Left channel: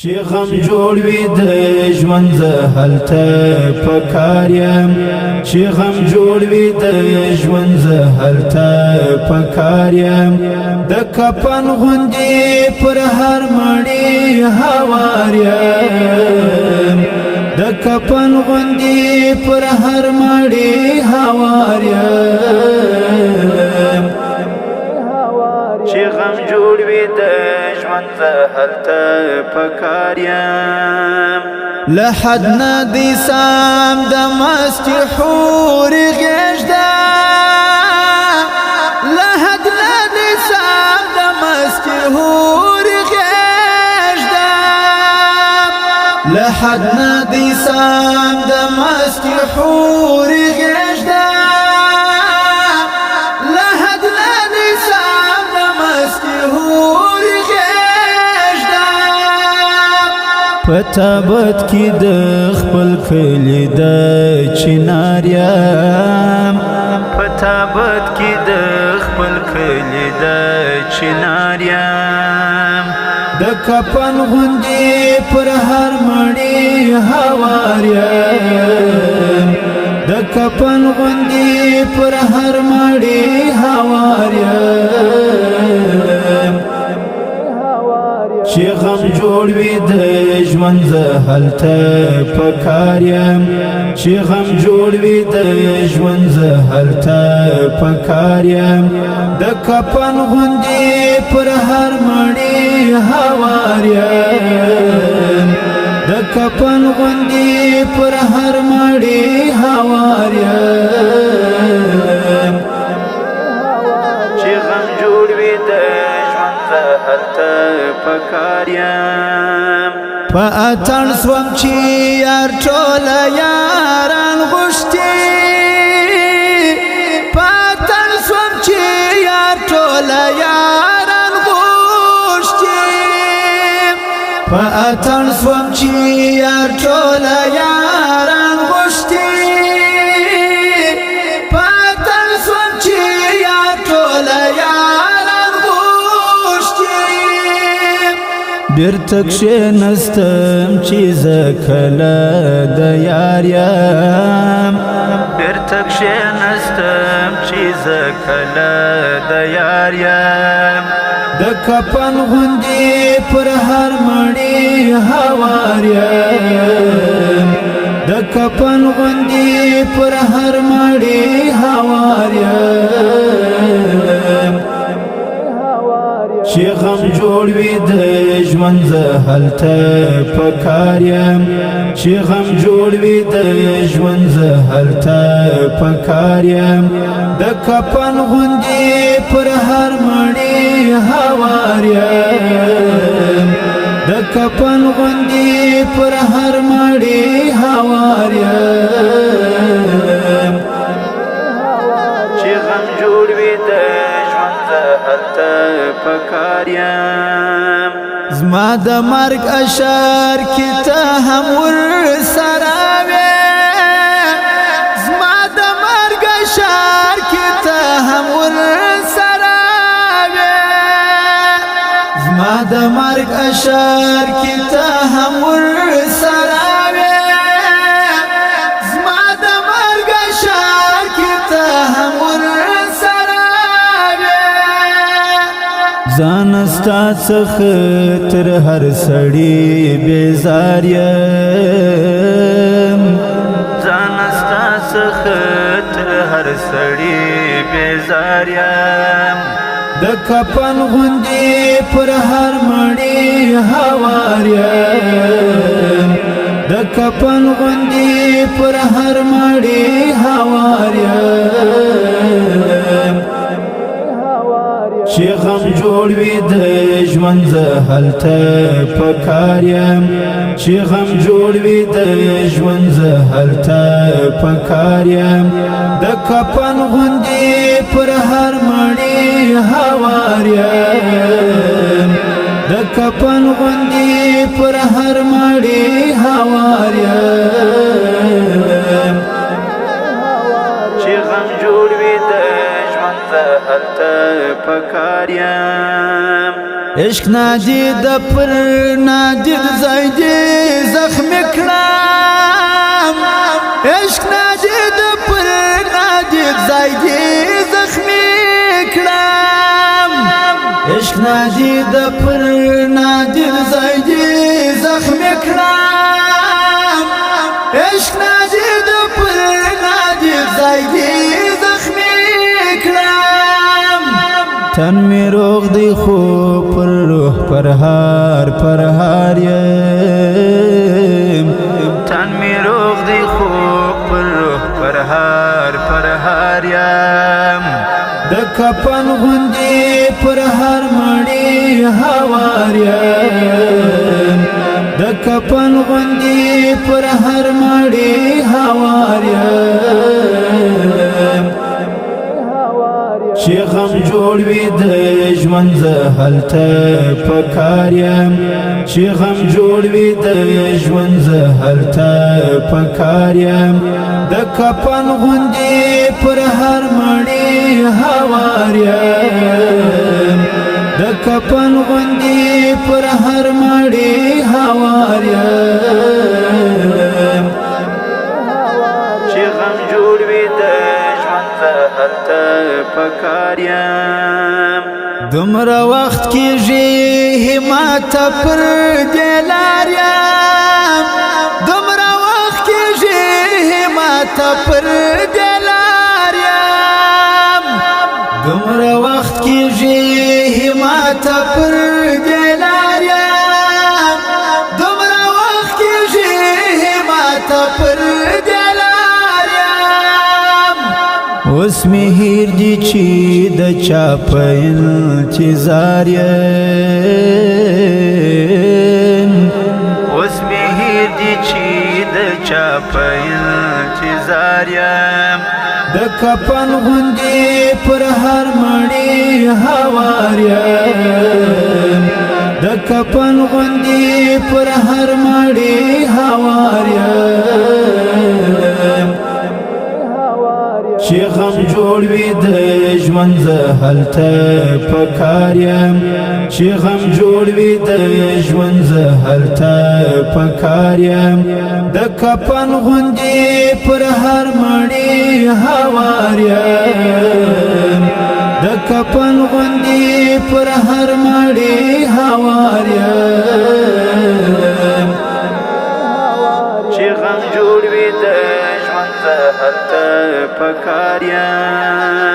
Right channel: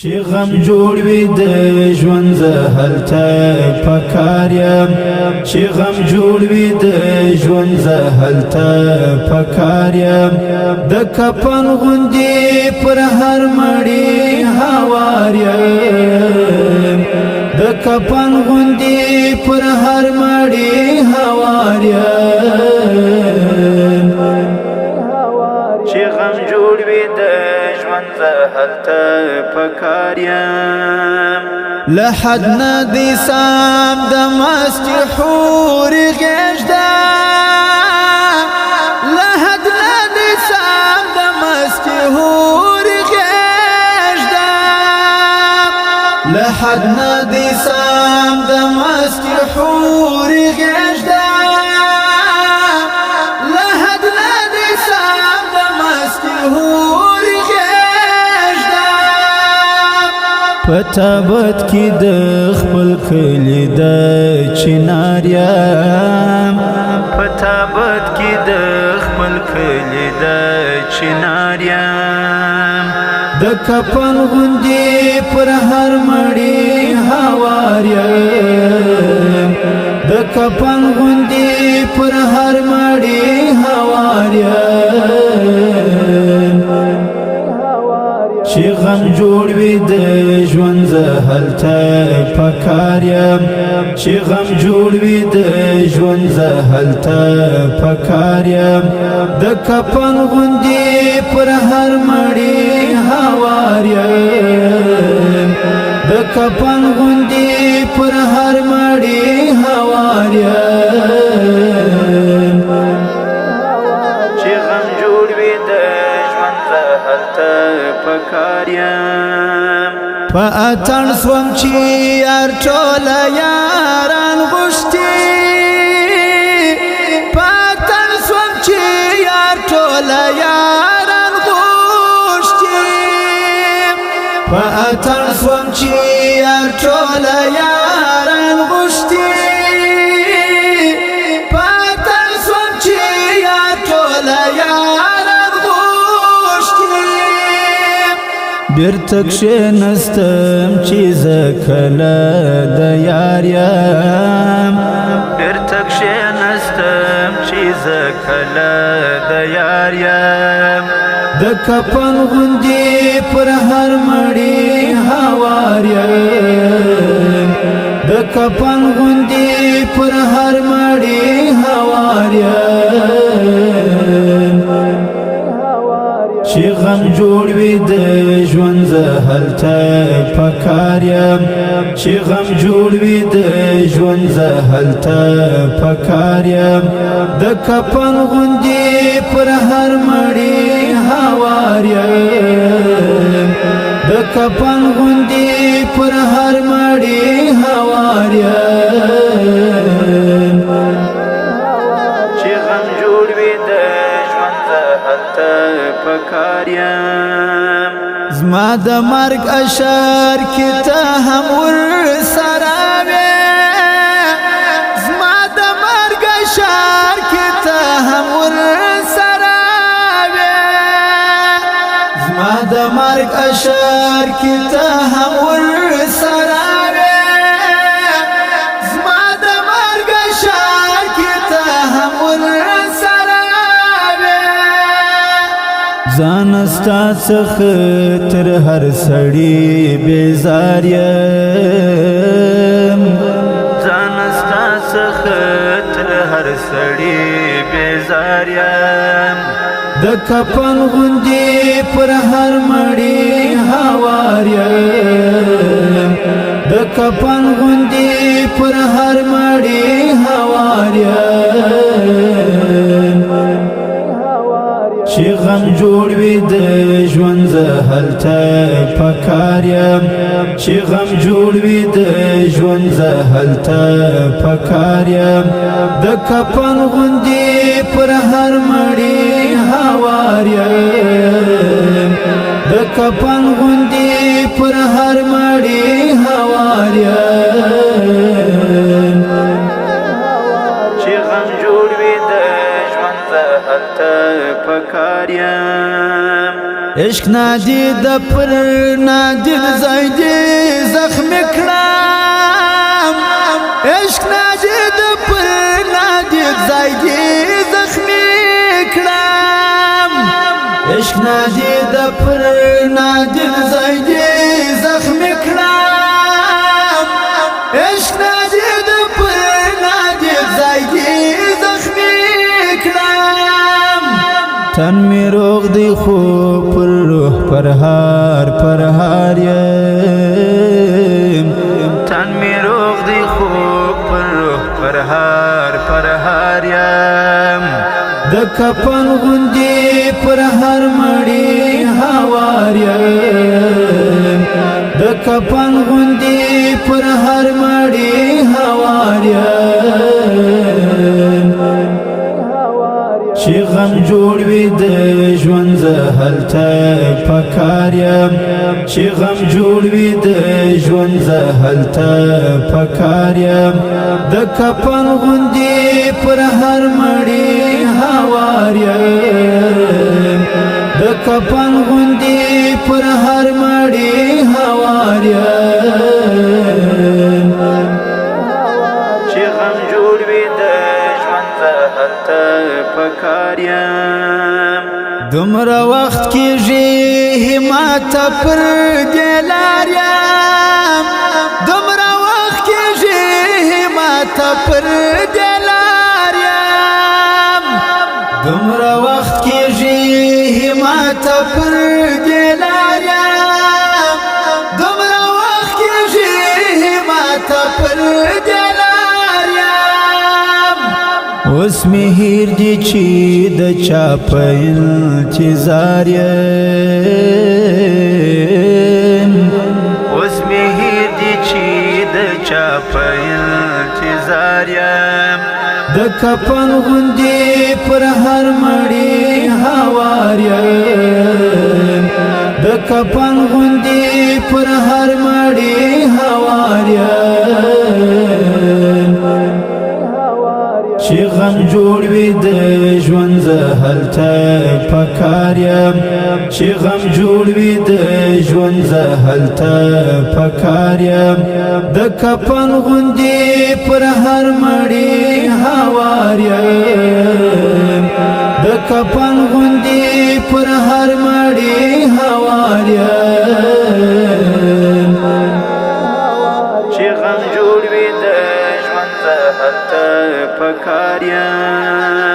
چې غم جوړ وي د ژوند زه هلته پکار یم چې غم جوړ وي د ژوند زه هلته پکار یم د کفن غوندې پر هر مړی هوار یم د کفن غوندې پر هر مړی هوار یم چې غم جوړ وي د ژوند زه هلته پکار یم له حد نه دی سام د مستې حورې غېږده له حد نه دی سام د مستې حورې غېږده له حد نه دی سام د مستې حورې غېږده پتابت کی د خپل کلی د چنار یم پتابت کی د خپل کلی د چنار یم د کفن غوندې پر هر مړی هوار یم د کفن غوندې پر هر مړی هوار یم چې غم جوړ وي د ژوند زه هلته پکار یم چې غم جوړ وي د ژوند زه هلته پکار یم د کفن غوندې پر هر مړی هوار یم د کفن غوندې پر هر مړی هوار یم چې غم جوړ وي د هلته پکار یم په اتڼ سوم چې یار ټوله یاران غوښتي په اتڼ سوم چې یار ټوله یاران غوښتي په اتڼ سوم چې یار ټوله یاران غوښتي په اتڼ سوم چې یار ټوله بیرته کښېنستم چې زه کله د یار یم بیرته کښېنستم چې زه کله د یار یم د کفن غوندې پر هر مړی هوار یم د کفن غوندې پر هر مړی هوار یم چې غم جوړ وي د ژوند زه هلته پکار یم چې غم جوړ وي د ژوند زه هلته پکار یم د کفن غوندې پر هر مړی هوار یم د کفن غوندې پر هر مړی هوار یم چې غم جوړ وي د هلته پکار یم زما د مرګ اشعار کې ته هم ورسره وې زما د مرګ اشعار کې ته هم ورسره وې زما د مرګ اشعار کې ته هم ورسره وې زما د مرګ اشعار کې ته هم ورسره ځان ستا څخه تر هر سړي بیزار یم ځان ستا څخه تر هر سړي بیزار یم د کفن غوندې پر هر مړی هوار یم د کفن غوندې پر هر مړی هوار یم چې غم جوړ وي د ژوند زه هلته پکار یم چې غم جوړ وي د ژوند زه هلته پکار یم د کفن غوندې پر هر مړی هوار یم د کفن غوندې پر هر مړی هوار یم چې غم جوړ وي د ژوند زه هلته پکار یم عشق نادید پر نادید ځای دې زخمي کړم عشق نادید پر نادید ځای دې زخمي کړم عشق نادید پر نادید ځای دې زخمي کړم عشق نادید پر نادید ځای دې زخمي کړم تن می روغ دی خو پر روح پرهار یم تن می روغ دی خو پر روح پرهار یم د کفن غوندې پر هر مړی هوار یم د کفن غوندې پر هر مړی هوار یم چې غم جوړ وي د ژوند زه هلته پکار یم چې غم جوړ وي د ژوند زه هلته پکار یم د کفن غوندې پر هر مړی هوار یم د کفن غوندې پر هر مړی هوار یم چې غم جوړ وي د ژوند زه هلته پکار یم دومره وخت کېږي همت پر دې لار یم دومره وخت کېږي همت پر دې لار یم دومره وخت کېږي همت پر دې لار یم دومره وخت کېږي همت پر دې لار یم اوس مې هیر دي چې د چا په انتظار یم اوس مې هیر دي چې د چا په انتظار یم د کفن غوندې پر هر مړی هوار یم د کفن غوندې پر هر مړی هوار یم چې غم جوړ وي د ژوند زه هلته پکار یم چې غم جوړ وي د ژوند زه هلته پکار یم د کفن غوندې پر هر مړی هوار یم د کفن غوندې پر هر مړی هوار یم چې غم جوړ وي د ژوند زه هلته پکار یم